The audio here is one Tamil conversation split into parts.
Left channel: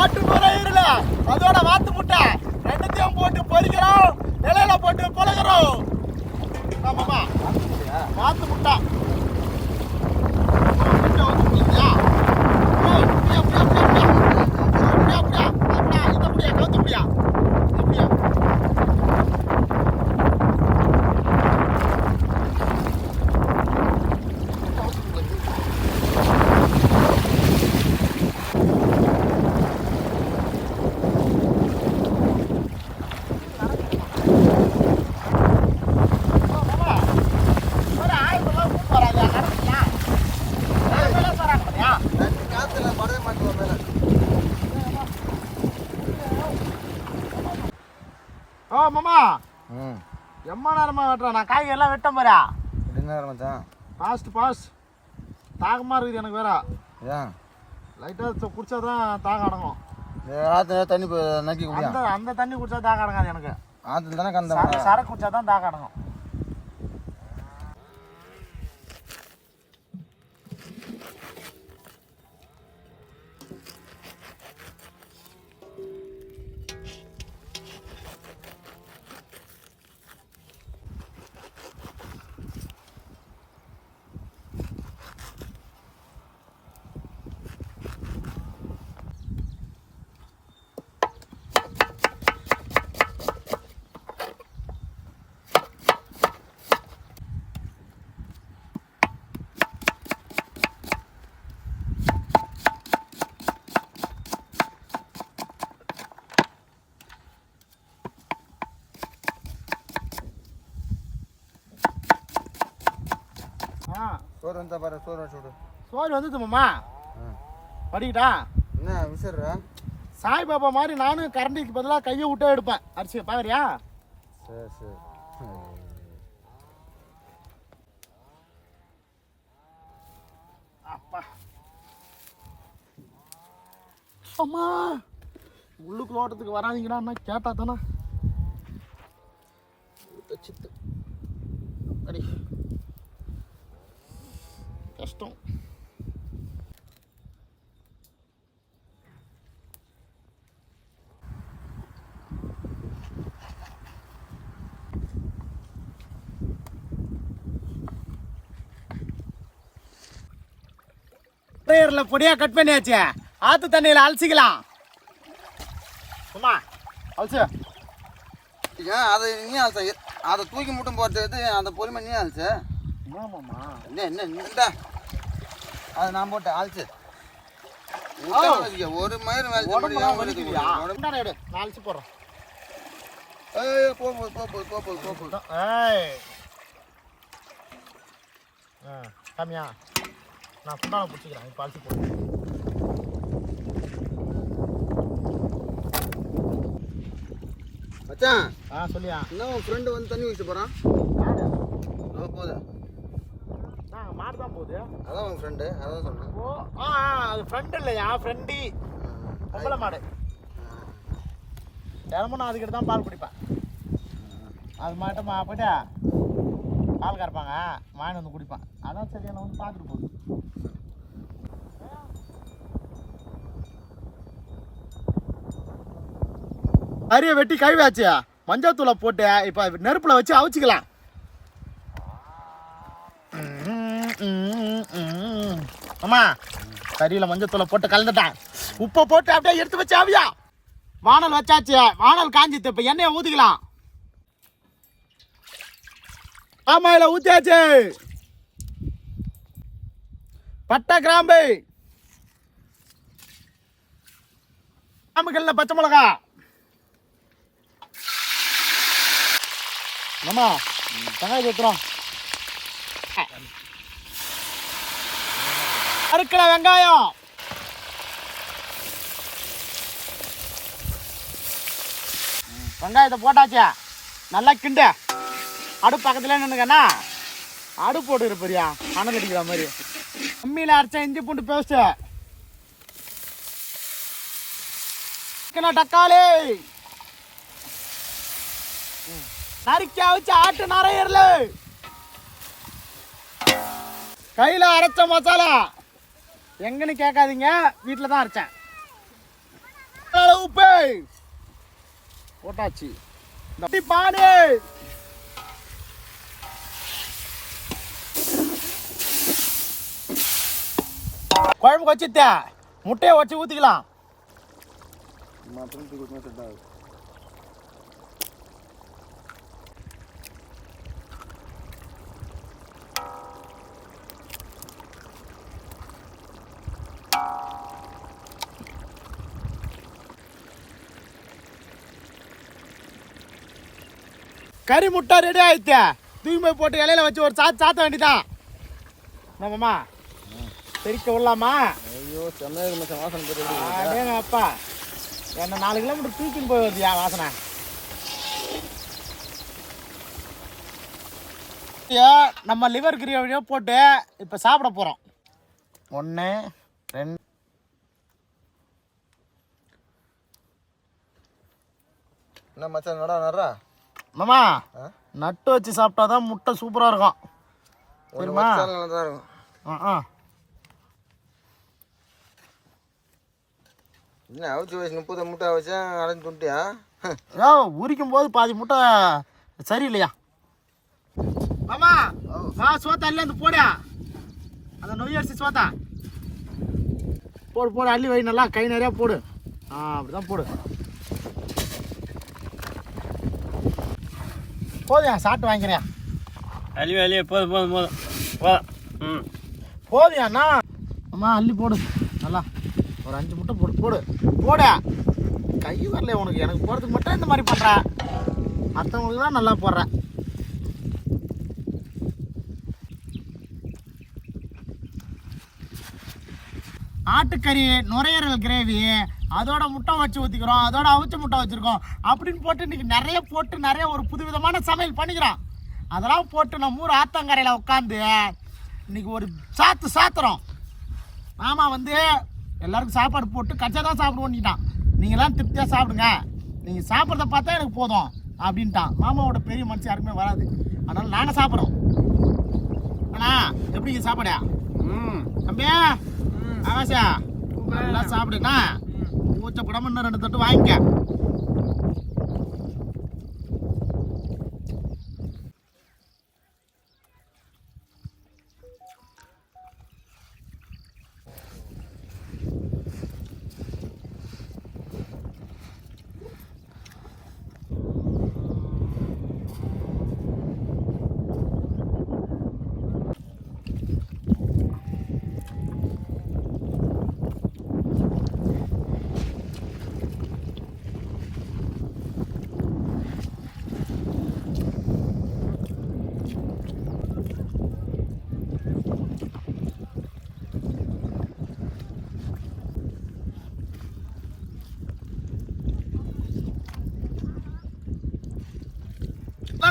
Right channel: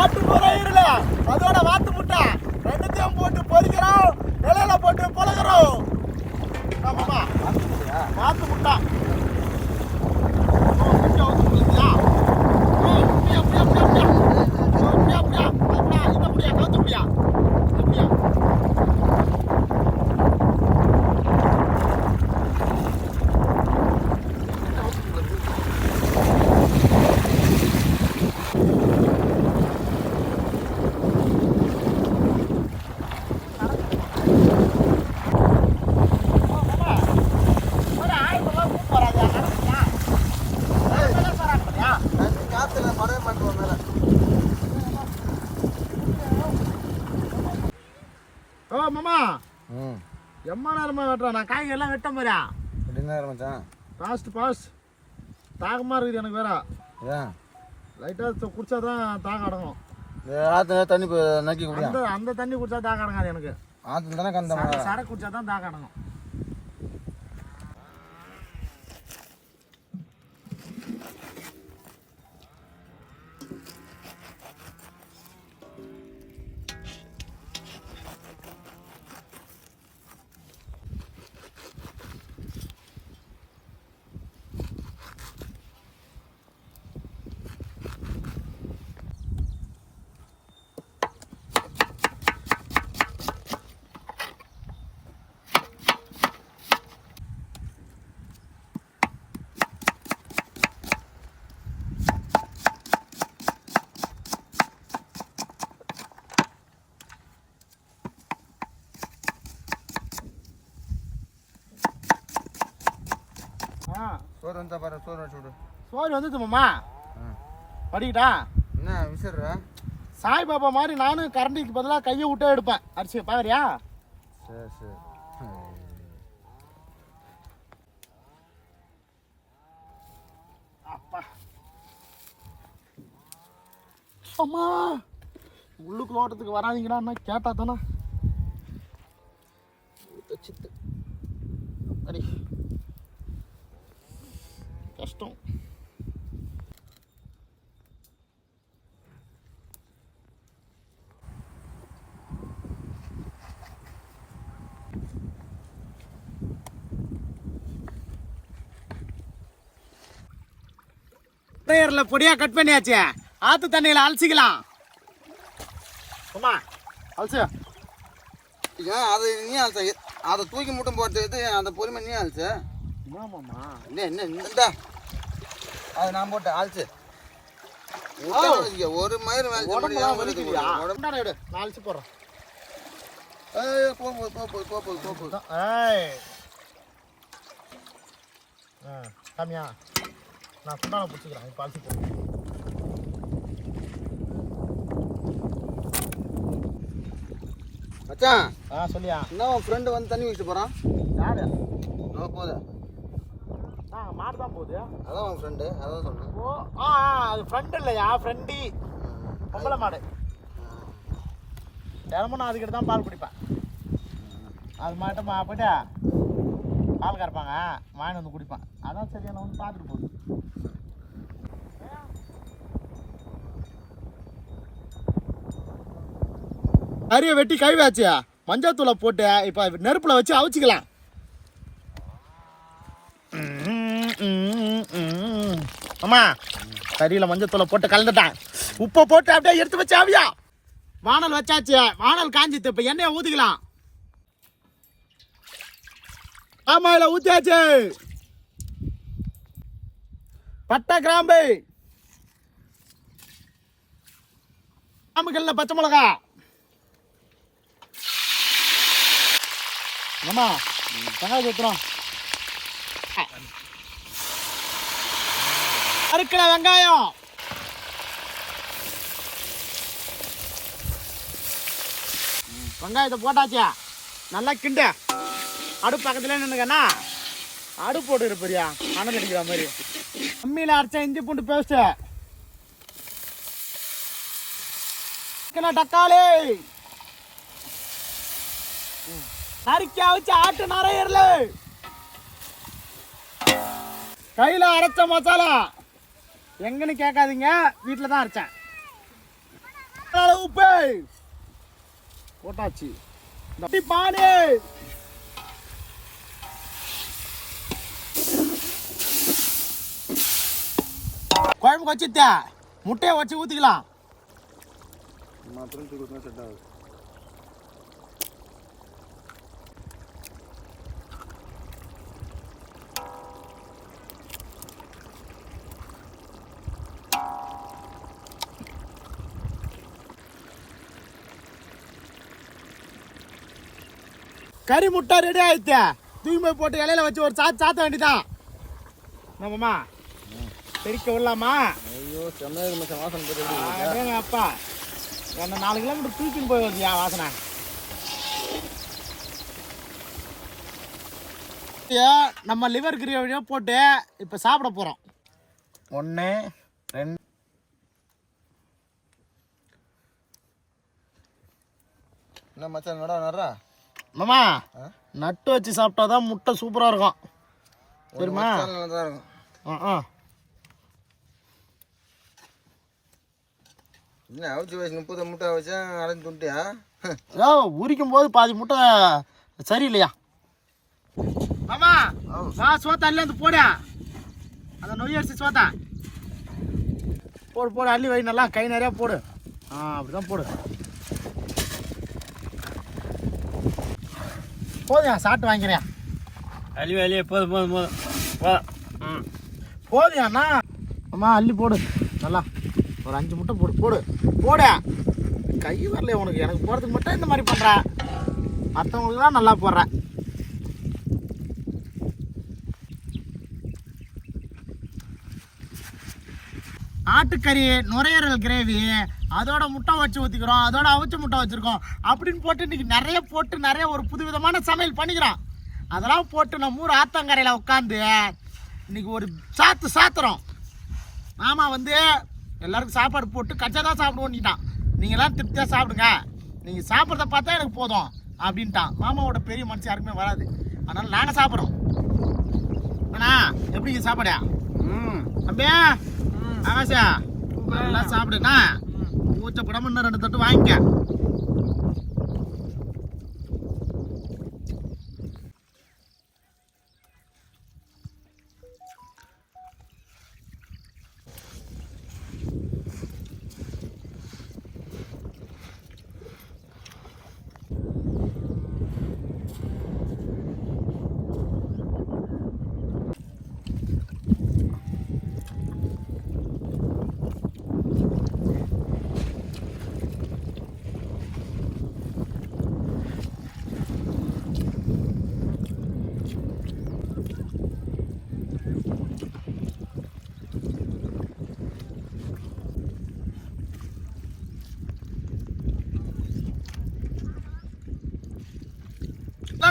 ஆட்டு நுரையீரல அதோட வாத்து முட்டை ரெண்டுத்தையும் போட்டு பொரிக்கிறோம், இலையில போட்டு பழகிறோம். ஆமாமா, வாத்து முட்டை மாமா. எம்மா நேரமா வெட்டுறேன் நான், காய்கறி எல்லாம் வெட்ட பாரு. நேரம் மச்சான், பாஸ் தாகமா இருக்குது எனக்கு வேற. ஏன் லைட்டா குடிச்சாதான் தாகம் அடங்கும். ஆத்துல தண்ணி நக்கி குடியா? அந்த தண்ணி குடிச்சா தாகம் அடங்காது எனக்கு. ஆத்துல தானே கந்த சரக்கு குடிச்சாதான் தாகம் அடங்கும். சோறு வந்தா பாரு, சோறு வச்சு விடு. சோறு வந்துது மாமா. படிக்கிட்டா என்ன விசிற? சாய்பாபா மாதிரி நானும் கரண்டிக்கு பதிலாக கையை விட்டே எடுப்பேன் அரிசி. பாக்குறியா? சரி சரி. அப்பா அம்மா, உள்ளுக்குள்ள ஓட்டத்துக்கு வராதிங்கடா கேட்டா தானே சித்து அடி கஷ்டம். பொடியா கட் பண்ணியாச்சு, ஆத்து தண்ணியில அலசிக்கலாம். அலசு. அதை நீ அலச, அதை தூக்கி முட்டும் போட்டு அந்த பொறுமை நீ அலசு. ஆமாம்மா, என்ன இந்த அதை நான் போட்டேன் அலசு. ஒரு மயிறு எடு, நான் அலசி போடுறேன். கம்மியா நான் குண்டான பிடிச்சிக்கிறேன். இப்போ அலசி போடுறேன். மச்சான் சொல்லியா? என்ன உன் ஃப்ரெண்டு வந்து தண்ணி ஊற்றிட்டு போகிறான்? யாரு? போகுது. மாடு தான் போகுது. அதான் உன் ஃப்ரெண்டு, அதான் சொன்னேன். ஓ அது ஃப்ரெண்டு இல்லையா, ஃப்ரெண்டி பொம்பளை மாடு. தினமும் நான் அதுக்கிட்ட தான் பால் குடிப்பேன். அது மாட்டோமா போயிட்டு பால் கறப்பாங்க, வாங்கி வந்து குடிப்பேன். அதான் சரியா நான் வந்து பார்த்துட்டு போகுது. கறியை வெட்டி கழுவாச்சு, மஞ்சத்தூளை போட்டு இப்போ நெருப்பில் வச்சு அவிச்சிக்கலாம். ஆமா, கறியில் மஞ்சத்தூளை போட்டு கலந்துட்டேன், உப்பை போட்டு அப்படியே எடுத்து வச்சு அவியா. வானல் வச்சாச்சு, வானல் காஞ்சித்து. இப்போ எண்ணெயை ஊற்றிக்கலாம். ஆமா, இதில் ஊற்றியாச்சு. பட்டை கிராம்பு, கிராம்புகள்ல பச்சை மிளகா. ஆமா, வெங்காயம் ஊற்றுறோம். அறுக்கிற வெங்காயம், வெங்காயத்தை போட்டாச்சு. நல்லா கிண்டு. அடுப்பு பக்கத்துல நின்னுக்கண்ணா, அடுப்பு போட்டு இருப்பறியா கணக்கு அடிக்கிற மாதிரி. அம்மியில் அரைச்ச இஞ்சி பூண்டு பேஸ்ட், தக்காளி நறுக்கி வச்சு ஆட்டு நரையர்ல கையில அரைச்ச மசாலா. எங்கன்னு கேட்காதீங்க, வீட்டில் தான் அரைச்சேன். உப்பு போட்டாச்சு. இந்த பானி குழம்பு வச்சுட்ட முட்டையை வச்சு ஊற்றிக்கலாம். கறி முட்டை ரெடி ஆயிடுச்சு. தூக்கி போய் போட்டு இலையில வச்சு ஒரு சாத்த வேண்டியதான். நம்மம்மா தெரிக்க விடலாமா? ஐயோ செம்மையாக மச்சான் வாசனை போட்டு. அப்பா என்ன 4 கிலோமீட்டர் தூக்கின்னு போய் வருதுயா வாசனை. நம்ம லிவர் கிரேவியை போட்டு இப்போ சாப்பிட போகிறோம். 1 2 என்ன மச்சான் நடா மாமா நட்டு வச்சு சாப்பிட்டாதான் முட்டை சூப்பராக இருக்கும் தெரியுமா? என்ன அவிச்சு வச்சு 30 முட்டை வச்சா அலைஞ்சு துண்டியா? உரிக்கும் போது பாதி முட்டை சரியில்லையா மாமா? சோத்தா இல்லை அந்த போட அந்த நொய் அரிசி சோத்தா போடு போடு அள்ளி வை நல்லா கை நிறையா போடு. அப்படிதான் போடு. போதுயா சாப்பிட்டு வாங்கிறேன். அள்ளி போதும் போதுயாண்ணா. அம்மா அள்ளி போடு நல்லா ஒரு 5 முட்டை போடு போடு போட. கை வரல உனக்கு, எனக்கு போகிறதுக்கு மட்டும் இந்த மாதிரி பண்ணுற, மற்றவங்களுக்கு தான் நல்லா போடுறேன். ஆட்டுக்கறி நுரையீரல் கிரேவி அதோட முட்டை வச்சு ஊற்றிக்கிறோம், அதோட அவிச்ச முட்டை வச்சுருக்கோம் அப்படின்னு போட்டு இன்றைக்கி நிறைய ஒரு புதுவிதமான சமையல் பண்ணிக்கிறோம். அதெல்லாம் போட்டு நம்ம ஊர் ஆத்தங்கரையில் உட்காந்து இன்றைக்கி ஒரு சாத்துறோம். மாமா வந்து எல்லாருக்கும் சாப்பாடு போட்டு கச்சா தான் சாப்பிடுவோன்னுட்டான். நீங்களாம் திருப்தியாக சாப்பிடுங்க, நீங்கள் சாப்பிட்றத பார்த்தா எனக்கு போதும் அப்படின்ட்டான். மாமாவோட பெரிய மனுஷன் யாருக்குமே வராது, அதனால் நாங்கள் சாப்பிட்றோம். அண்ணா எப்படிங்க சாப்பாடு? தம்பியா ஆகாஷா நல்லா சாப்பிடுண்ணா. ஊச்சப்படாம இன்னும் 2 தட்டு வாங்கிக்க.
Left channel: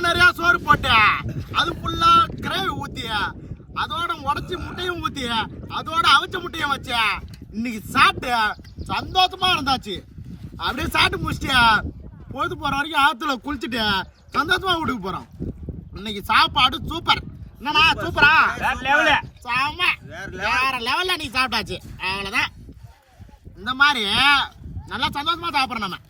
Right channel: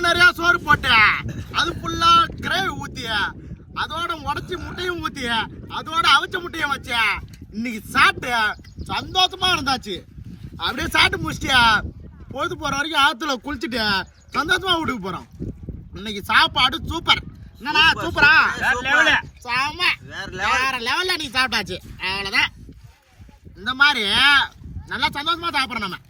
நிறைய சோறு போட்டு அது ஃபுல்லா கிரேவி ஊத்தி அதோட உடச்சி முட்டையும் ஊத்தி அதோட அவிச்ச முட்டையும் வச்சு இன்னைக்கு சாப்பிட்டு சந்தோஷமா இருந்தாச்சு. அப்படியே சாப்பிட்டு முடிச்சுட்டு பொழுது போற வரைக்கும் ஆத்துல குளிச்சுட்டு சந்தோஷமா வீட்டுக்கு போறோம். இன்னைக்கு சாப்பாடு சூப்பர். என்னண்ணா சூப்பரா? வேற லெவல்ல நீ சாப்பிட்டாச்சு. அவ்வளவுதான். இந்த மாதிரி நல்லா சந்தோஷமா சாப்பிட்றோம் நம்ம.